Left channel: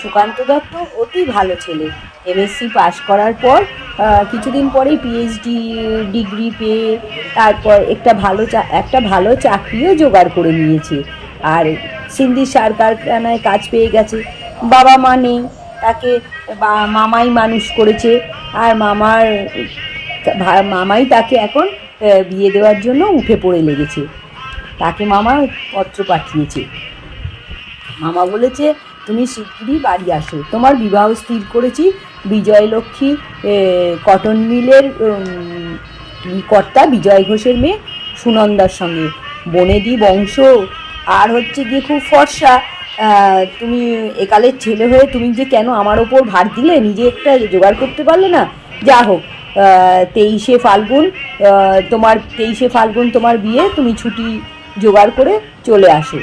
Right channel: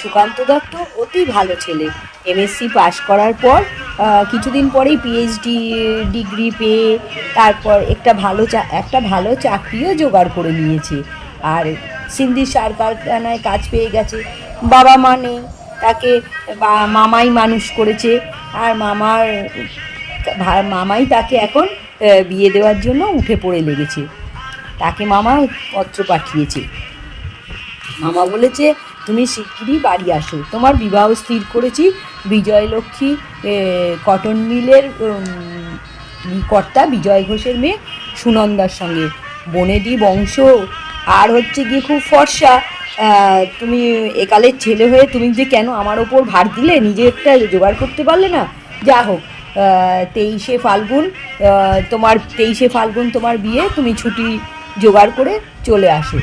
সুকান্ত দত্ত অতি ভালো ছেলে। এমএসসি পাশ করার পর কিছুদিন পরেই পিএইচডি ডিগ্রি পেয়ে তারপর একটা ভালো চাকরিও জোগাড় করে নিয়েছে। আর সিন্ধি সার কারখানায় কাজ পেয়ে গেছে। বাবা মা নেই, তাকে মামাই মানুষ করেছে। আর মামাই তাকে এখন বিয়ে দেওয়ার জন্য উঠে পড়ে লেগেছে। তাকে মামা পত্র পাঠিয়েছে। মামা বলেছে, তুমি শিগগিরই বাড়ি আসো, তোমার বিবাহ স্থির করেছি বিজয়লক্ষ্মী কটন মিলের কর্তা বিজয় ঘোষের মেয়ে সুনন্দার সঙ্গে। বনেদি বংশ, আর হচ্ছে গিয়ে খুব ফর্সা। তুমি একালের ছেলে হয়ে তুমি যে কেন আমার ওপর ভার দিলে, নিজে একটা জোগাড় করতে পারলে না? যা হোক, 23শে ফাল্গুন তোমার বিয়ে, তুমি ছুটি জোগাড় করে চলে আসো।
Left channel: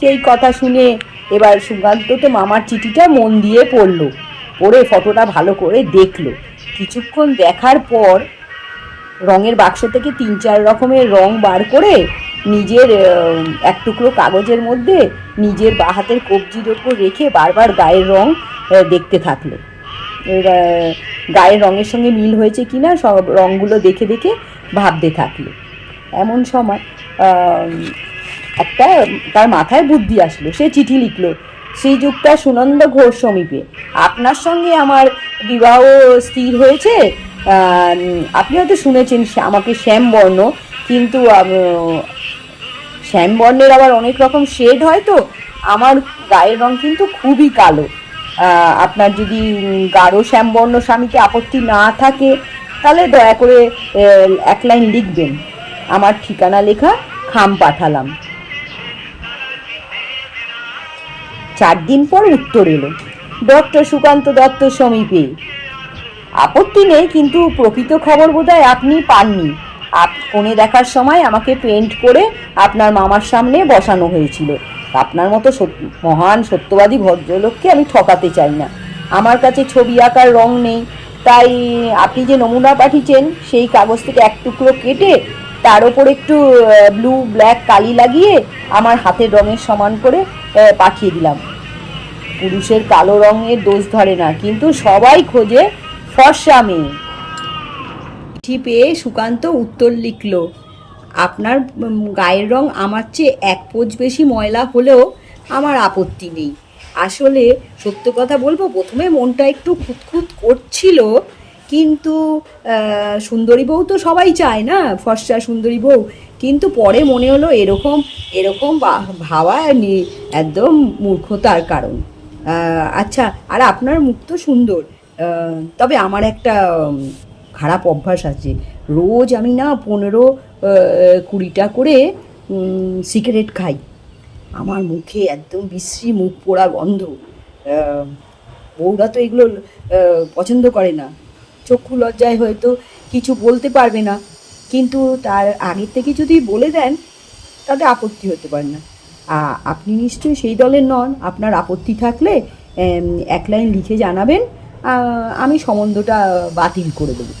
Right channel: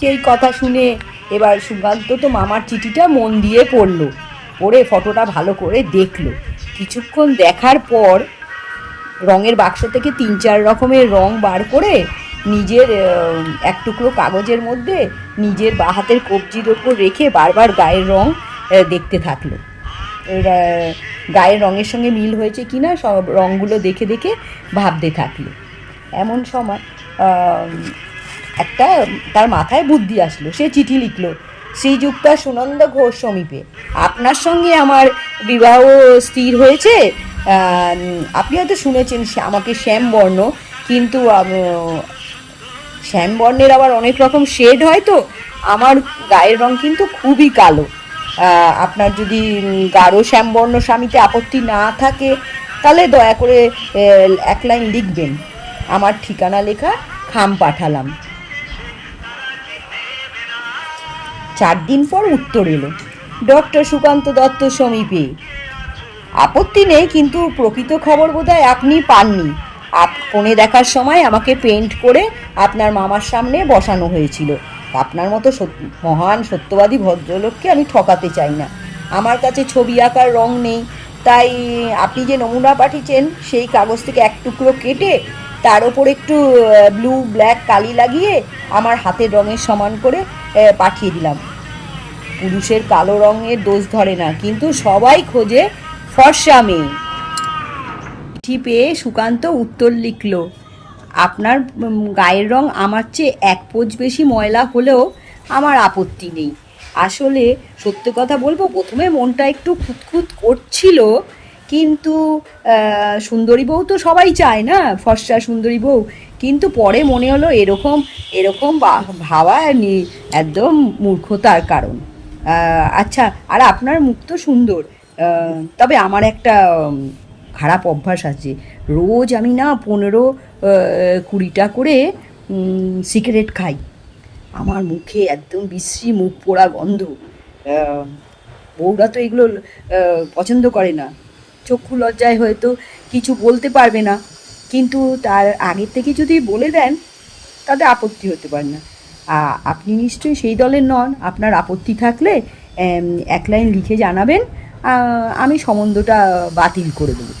সেই কথা শুনে এবার সুকান্ত তো মামার চিঠিটা মন দিয়ে পড়ে ফটোটা ভালো করে দেখলো। কিছুক্ষণ দেখার পর রঙের বাক্স থেকে 3-4 রকমের রং বার করে নিজের এক টুকরো কাগজের মধ্যে নিজের বাঁ হাতের কবজির ওপর রেখে বারবার গায়ের রং দেখতে থাকলো। গায়ের রঙের সঙ্গে মিল হয়েছে কিনা সব রঙগুলো দেখে দেখে ভাবতে থাকলো। এমন সময় তার মাথায় বুদ্ধি আসলো। সে চিঠি লিখলো, শ্রীযুক্তা সুনন্দা ঘোষ সমীপে, আপনার সঙ্গে আমার বিবাহ স্থির হয়েছে। আপনি হয়তো শুনেছেন আমাকে শ্যামবর্ণ, কিন্তু শ্যামবর্ণের আবার অনেক রকম শেড হয়, তো আমার গায়ের রং কিন্তু খুবই কালো। আপনার যদি গাঢ় শ্যামবর্ণ স্বামীতে আপত্তি না থাকে তাহলে দয়া করে 1 লাইন লিখবেন। আমার ঠিকানা লেখা খাম পাঠালাম। 4 দিন পর উত্তর এলো, ডক্টর সুকান্ত দত্ত সমীপে। আপত্তি নেই, কিন্তু প্রকৃত খবর বোধহয় আপনি পাননি। ফোনে দেখার সময় আমাকে পেন্ট করে আপনার মামার সামনে বসানো হয়েছিল। আপনার মতো মহান সত্যবাদী ভদ্রলোককে আমি ঠকাতে চাই না। আমার কাছে ছবি আঁকার রং নেই, তাই আপনি যে নমুনা পাঠিয়েছেন সেই কাগজ থেকে এক টুকরো কেটে তার ওপর একটু ব্লু ব্ল্যাক কালি লাগিয়ে আমার হাতের রঙের সমান করে পাঠিয়ে দিলাম। পুরুষের কালো রঙের দোষ ধরে না, কিন্তু সবাই খোঁজে ফর্সা মেয়ে। চিঠি পেয়ে সুকান্ত উত্তর লিখল, আপনার গায়ের রং আমার চেয়ে 1 পোঁচ বেশি ময়লা হলেও আমার আপত্তি নেই। আসলে সত্য কথা বলবো, প্রথমে মনটা একটু খুঁতখুত করছিল, কিন্তু সুন্দরী বউ তো সবাই চায় না, ফর্সা সুন্দরী বউ। কিন্তু পরে মনে হলো এরকম ভাবা একদম মূর্খতার কারণ। আচ্ছা, আর আপনার মুখ তো সুন্দর, তবে আমার একটা খারাপ অভ্যাস আছে। রোজ আমি না 15-20টা করে সিগারেট খাই। আমার মুখে একদম বিশ্রী মুখ পোড়া গন্ধ। বউরা তো এগুলো পছন্দ করে না, চক্ষু লজ্জায় হয়তো কিছু বলতে পারবে না, কিন্তু তার আগের থেকে যদি বলে দেন তাতে আপত্তি হতে পারে না। আপনি নিশ্চয়ই সেই দলের নন। আপনার আপত্তি থাকলে 1 লাইন লিখে জানাবেন, আমি সম্বন্ধটা বাতিল করে দেবো।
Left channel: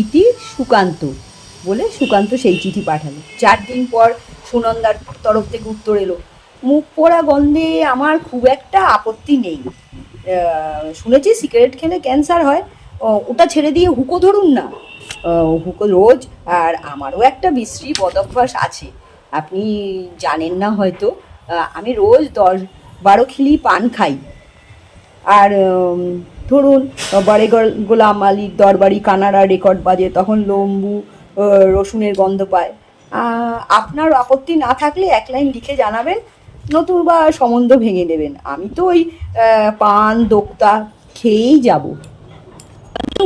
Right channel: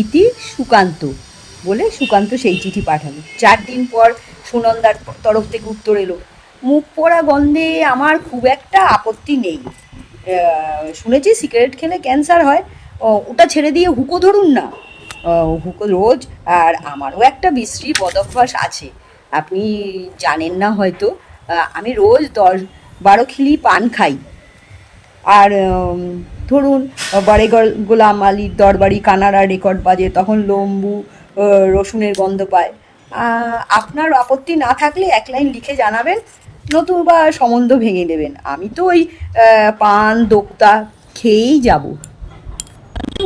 ইতি সুকান্ত বলে সুকান্ত সেই চিঠি পাঠালো। 4 দিন পর সুনন্দার তরফ থেকে উত্তর এলো, মুখ পোড়া গন্ধে আমার খুব একটা আপত্তি নেই। শুনেছি সিগারেট খেলে ক্যান্সার হয়, ওটা ছেড়ে দিয়ে হুঁকো ধরুন না। হুঁকো রোজ। আর আমারও একটা বিশ্রী বদভ্যাস আছে, আপনি জানেন না হয়তো। আমি রোজ 10-12 খিলি পান খাই। আর ধরুন গোলাম আলীর দরবারি কানাড়া রেকর্ড বাজে, তখন লম্বু রসুনের গন্ধ পায়। আপনার আপত্তি না থাকলে 1 লাইন লিখে জানাবেন, নতুবা সম্বন্ধ ভেঙে দেবেন। আমি তো ওই পান দোক্তা খেয়েই যাব।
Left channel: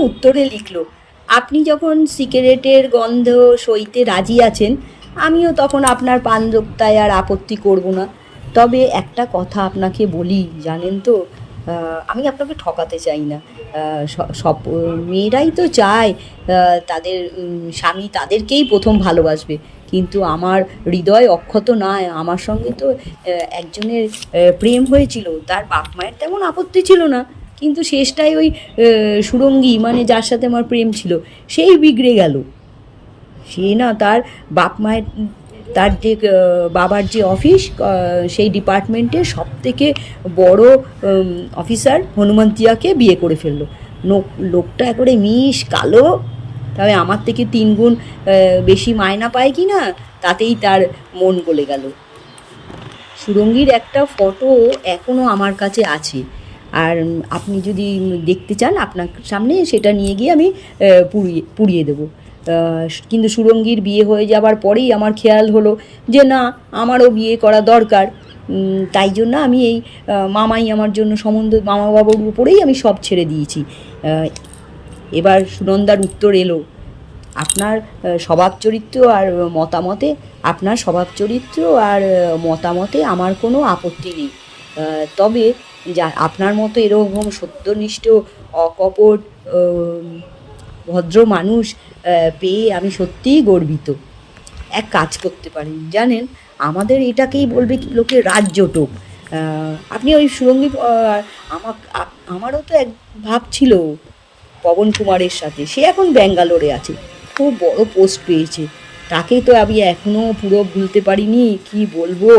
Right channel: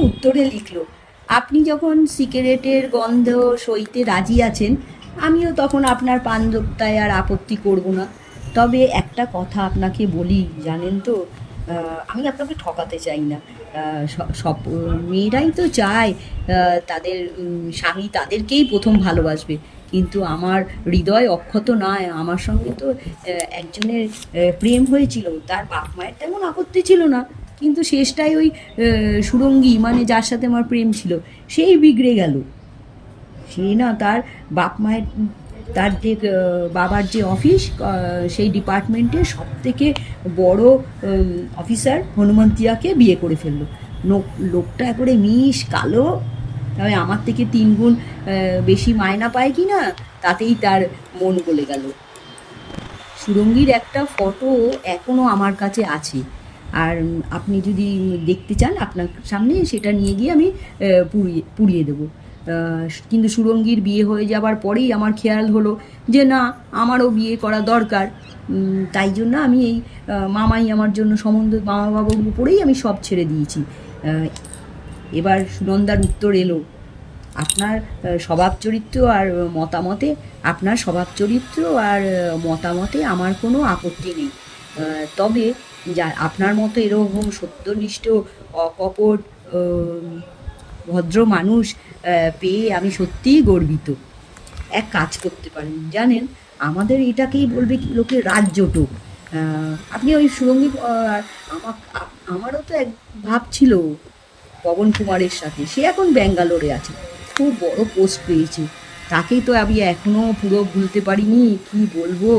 উত্তরে লিখলো, আপনি যখন সিগারেটের গন্ধ সইতে রাজি আছেন, আমিও তখন আপনার পান দোক্তায় আর আপত্তি করব না। তবে একটা কথা আপনাকে বলি, জানেন তো, আমি আপনাকে ঠকাতে চাই না। সব মেয়েরাই তো চায় তাদের স্বামী তাদেরকেই প্রথম ভালোবাসবে, কিন্তু আমার হৃদয় অক্ষত নয়। আমার সঙ্গে তো একজনের প্রেম হয়েছিল, তার বাপ মায়ের তেমন আপত্তি ছিল না, কিন্তু শেষটায় ওই সুরঙ্গী, মানে যার সাথে আমার প্রেম ছিল, সেই বিগড়ে গেল। সে না তার বাপ মায়ের তার যে বাবার যে অফিস, সেই ডিপার্টমেন্টের সবথেকে বড় অফিসার হনুমন্তিয়াকে বিয়ে করে ফেললো। লোকটা একবারে মিশ কালো, তবে আমার থেকে 3 গুণ বেশি মায়না পায় কি না তাতেই তার মন গলে গেল। সুরঙ্গীর একটা ফটো এখনও আমার কাছে আছে, আর আপনি যদি দেখতে চান আপনার সামনে সেটা নিয়ে গিয়ে আমি পুড়িয়ে দেবো। কিন্তু সুরঙ্গীর বিয়ে হয়ে যাবার পরেই আমার খেয়াল হলো যে না, আমারও বিয়ে করা দরকার। তাই জন্য আমি এই মামাই আমার জন্য সম্বন্ধ, মামা বাবুর উপরেই আমি সব ছেড়ে দিয়েছি। এবার সুনন্দার উত্তর এলো, আপনার স্বভাব চরিত্র আর মতামতে, আপনার স্বভাব চরিত্র আর মতামতে আমার কোনো আপত্তি নেই, তবে যা আপনার মতো এরকম সত্যনিষ্ঠ অকপট ভদ্র মানুষ পেয়ে আমি সত্যিই গর্বিত। এক কাজ করতে পারেন জানেন, আমাদের এটাকেই বলবে লোকে রাজজোটক। আপনি ওই সুরঙ্গী, আমারও তো এক ভাব ছিল পবন কুমারের সাথে, সে এখন ব্যাঙ্গালোরে আছে, খুব বড় পোস্ট পেয়েছে, তাকেই তো আমি এখনও পুরো ভুলতে পারিনি। কি বলবো,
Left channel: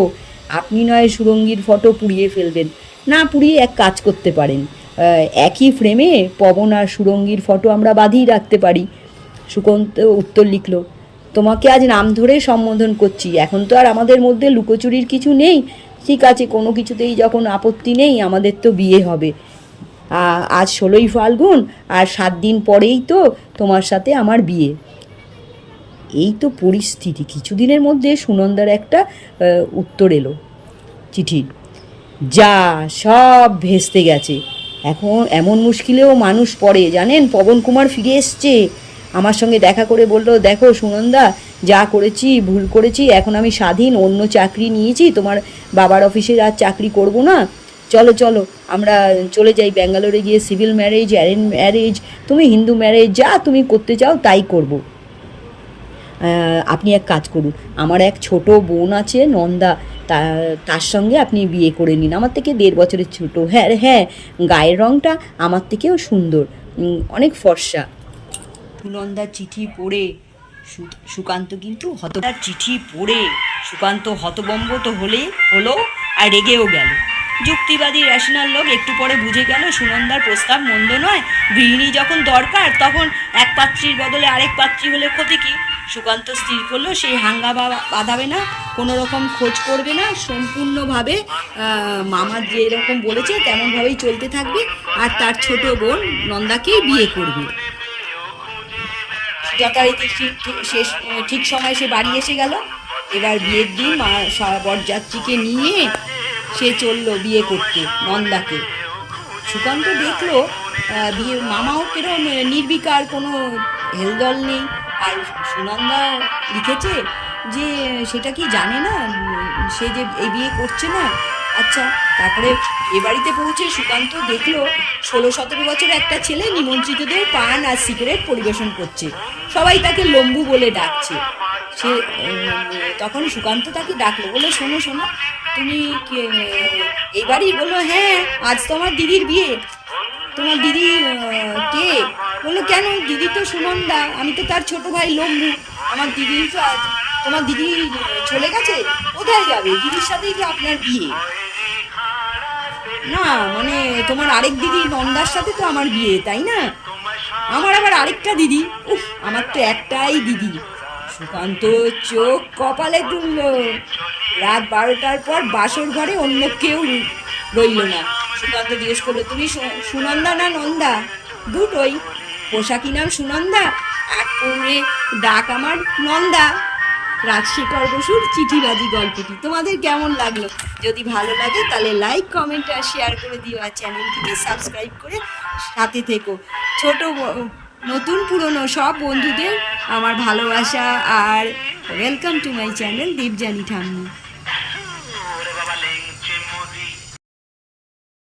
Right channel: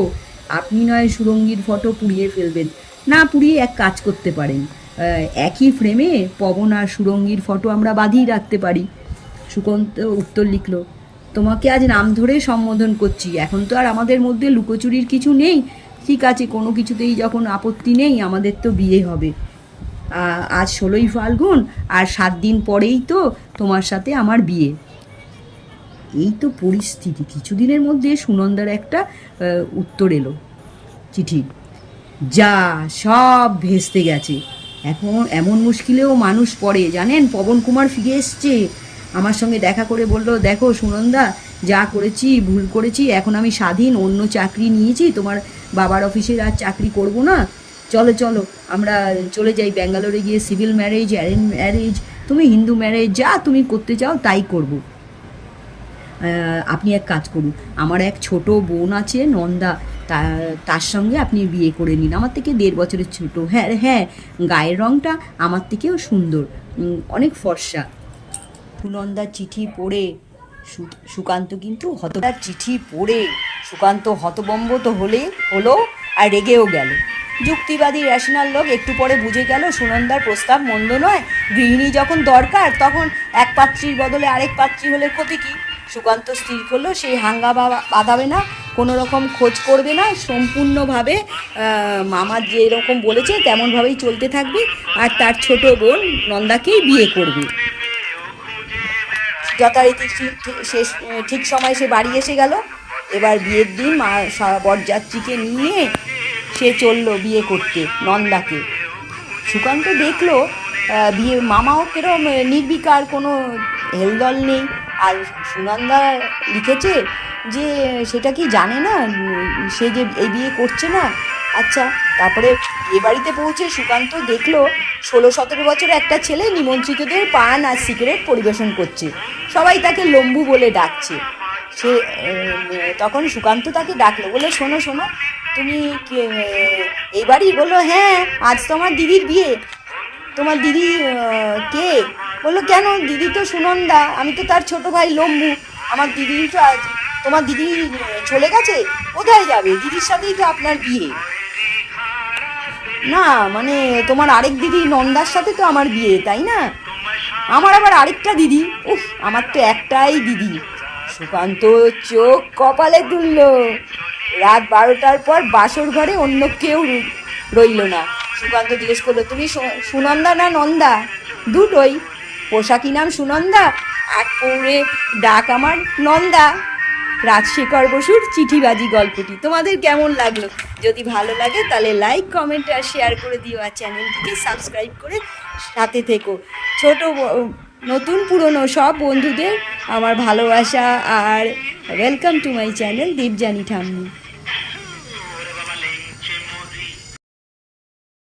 আপনি নয় সুরঙ্গীর ফটো পুড়িয়ে ফেলবেন, না পুড়িয়ে এক কাজ করতে পারেন, একই ফ্রেমে পবন আর সুরঙ্গীর ফটো আমরা বাঁধিয়ে রাখতে পারি। সুকান্ত উত্তর লিখল, তোমাকে আজ নাম ধরে সম্বোধন করছি, এখন তো আর আমাদের মধ্যে লুকোচুরির কিছু নেই। ঠিক আছে, কোনো কিছুতেই যখন আপত্তি নেই, আমাদের তো বিয়ে হবে। আজ 16ই ফাল্গুন, আর 7 দিন পরেই তো তোমার সাথে আমার বিয়ে। এই তো পরিস্থিতি। কিছুদিনের মধ্যে সুনন্দার একটা উত্তর এলো, চিঠি। যা সব ভেস্তে গেছে, এখন এমন মুশকিলেও মানুষ পড়ে জানেন। পবন কুমার ফিরে এসছে, আমার সঙ্গে দেখা করে বলল, দেখো সুনন্দা, যা করেছি ভুল করেছি, এখন আমি স্বাধীন, অন্য চাকরি নিয়েছি, তোমার বাবার অফিসে আর চাকরি করব না, চলো চলো আমরা চলে যাই ব্যাঙ্গালোরে, গিয়ে সিভিল ম্যারেজ, অ্যারেঞ্জ ম্যারেজ, তুমি হিন্দু ম্যারেজ, যা তুমি করতে চাও তাই করব। আপনি এক কাজ করুন, আমার এক ছোট বোন আছে নন্দা, তার সঙ্গে আপনি বিয়ে করে নিন, আমার থেকে 1.5 বছরের ছোট। হ্যাঁ হ্যাঁ, গায়ের রঙটা আমার থেকেও সুন্দর, অনেক ফর্সা। সুনন্দার চিঠি পড়ে সুকান্ত কিন্তু সুকান্ত হতবম্ব তো হলো আর রেগেও গেল। যুক্তিবাদী রেশনাল লোক একটু পরে বুঝে গেল সুনন্দার প্রস্তাব মন্দ নয়, গৃহিণী যখন দরকার তখন এক পাত্রীর বদলে আরেক পাত্রী হলে ক্ষতি কী। সুকান্ত স্থির করলো সেই হাঙ্গামা বাঁধাবে না, কোনো রকম খোঁজ করবে না, সম্পূর্ণভাবে মামা যেরকম বলেছে তেমনভাবেই চলতে থাকবে, আর তার ছোট বোন নন্দাকেই বিয়ে করবে। যথারীতি ঠিক সময় সে বাড়ি এসে গেল। এবার বিয়ের দিন বরযাত্রীকে নিয়ে সে চললো বিয়ে করতে নন্দাকে। সুকান্ত দেখলো মামাও কেরম নির্বিকার, কোনো হেলদল নেই। আর সুনন্দা লিখেছে যে সেটা কি জানে না সে যে এই বিয়ে করছে না। আচ্ছা, তারপরে এ বাড়িতে পৌঁছে সুকান্ত দেখলো 16-17 বছরের একটা ছেলে নিমন্ত্রিতদের পান আর সিগারেট পরিবেশন করছে, সবাই তাকে লম্বু বলে ডাকছে। সে তখন সুকান্ত তাকে ডাকলো, বললো, শোনো শোনো, তুমি এই বাড়ি? বললো, হ্যাঁ, আজ তো আমার দিদির বিয়ে। তোমার দিদি কে? বললো, কেন, দিদি তো সুনন্দা, আমি তো তার ছোট ভাই লম্বু। আমার দিদি তো তোমার দিদি চলে গেছে? কোথায় যাবে, দিদির সাথেই তো আপনার বিয়ে। না মানে তোমার আরেক দিদি নন্দার সাথে তো আমার বিয়ে, তাই না? আমার আবার আরেকটা দিদি? উফ, আমার তো একটাই দিদি। সুকান্ত চোখ কপালে তুলল। রাত 12টার পর বাসর ঘরে অন্য কেউ রইল না। সুকান্ত জিজ্ঞেস করলো, তুমি সুনন্দা না নন্দা? দুটোই। পোশাকি নাম সুনন্দা, আর পৌরে ডাক আমার নন্দা। রাজশেখর বসুর চিঠিবাজি গল্পটি তোমাদের কেমন লাগলো? যদি ভালো লাগে তাহলে লাইক, কমেন্ট আর শেয়ার করে দিও, আর চ্যানেলটিকে সাবস্ক্রাইব করে সাথে থেকো। ছোট নতুন পুরনো সব বন্ধুদের আমার ভালোবাসা আর ওয়েলকাম টু মাই চ্যানেল দীপজানি ঠাম্মি।